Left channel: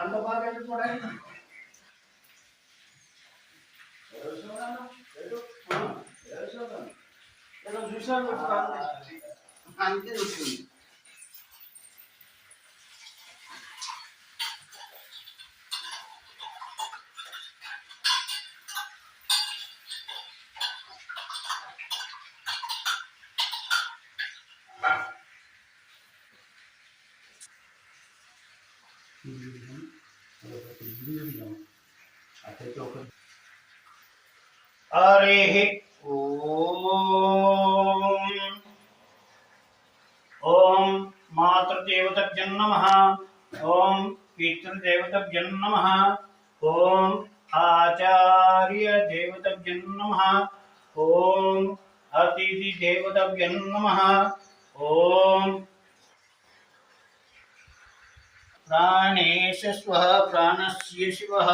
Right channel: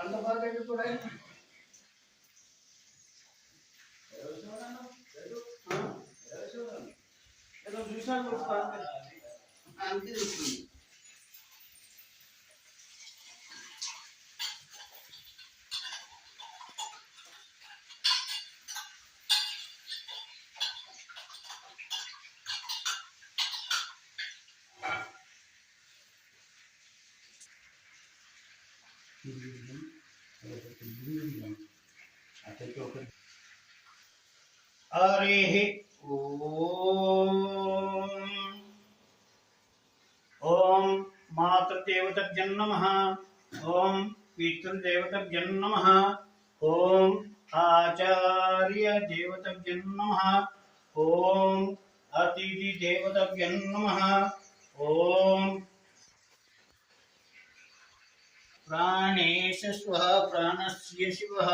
అంత బాగా కూడా చూసాను అంతే వస్తుంది. हरिः ॐ मातृदेवताभ्यो नमः। ॐ पितृदेवताभ्यो नमः। ॐ आचार्यदेवताभ्यो नमः। ॐ अतिथिदेवताभ्यो नमः। ॐ प्राणेश स्वः प्राणस्य शिवः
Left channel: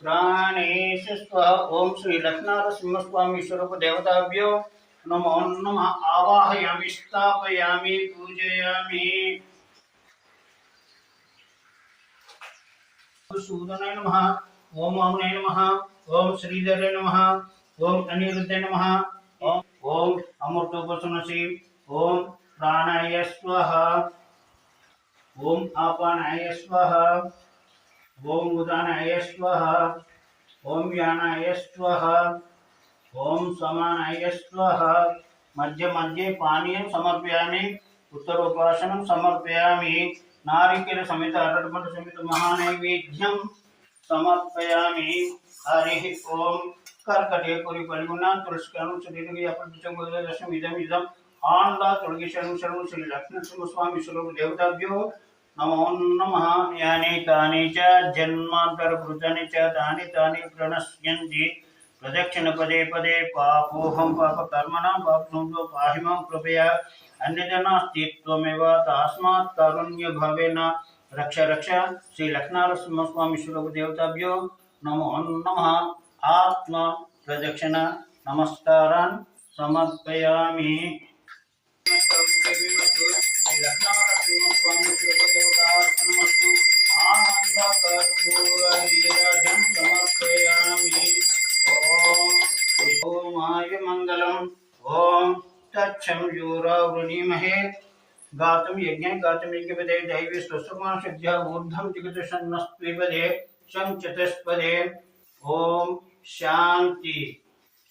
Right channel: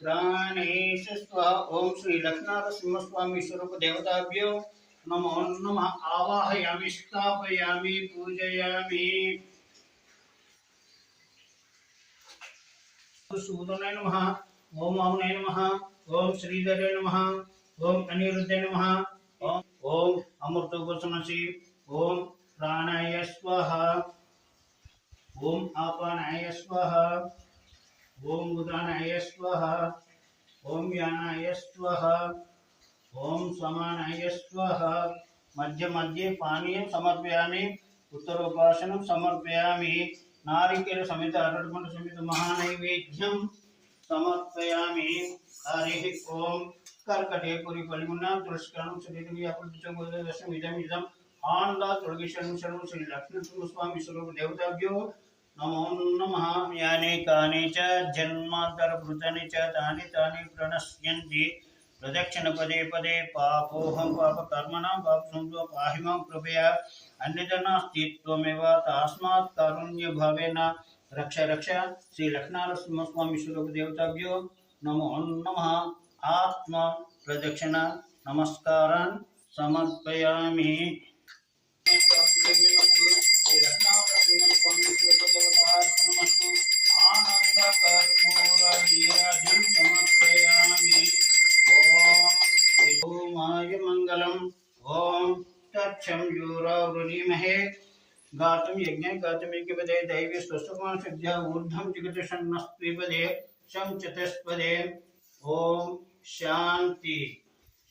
प्राणेश स्वः। ओम श्री लक्ष्मीनरसिंहस्वामी स्वरूप देवताभ्यो नमो नमः। आवाहयामि स्थापयामि पूजयामि। सूदनाय नमः। ओम वामनाय नमः। ओम श्रीधराय नमः। ओम अनिरुद्धाय नमः। ओम अमृतोपसनसि। ओम प्राणाय स्वाहा। ओम अपानाय स्वाहा। ओम उदानाय स्वाहा। ओम यानाय स्वाहा। ओम समानाय स्वाहा। मध्य मध्ये पानीयं समर्पयामि। उत्तरोपासनं समर्पयामि। नारिकेल समेत अरटपंड समेत महानैवेद्यं समर्पयामि। हरिः ओम कर्कटे पुरी परिगुणां तुलस्कानु शरीरगे अपरिचं गोदशम इदम इदम आनंदा तोलगिशनु शरणु श्री लक्ष्मीनरसिंहस्वामी स्वरूप देवताभ्यो नमो नमः। यानि कानि च जन्मान्तरभूतानि च तानि तानि प्रणश्यन्ति प्रदक्षिण पदे पदे पापोऽहं पापकर्मणां पापसंभो पाहि मां कृपया अन्यजनास्ति त्वमेव तस्मात् कारुण्यभावेन रक्ष रक्ष श्री लक्ष्मीनरसिंहस्वामी स्वरूप देवताभ्यो नमो नमः। आत्म प्रदक्षिण नमस्कारान् समर्पयामि। गातुं यज्ञं गातुं यज्ञपदे दैवी स्वस्वमान सिद्ध्या ऊर्ध्वं जिगतशन्नस्त्विपदे शं चतुष्पदे। ओम शांति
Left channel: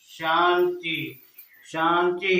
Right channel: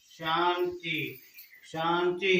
शांति शांति।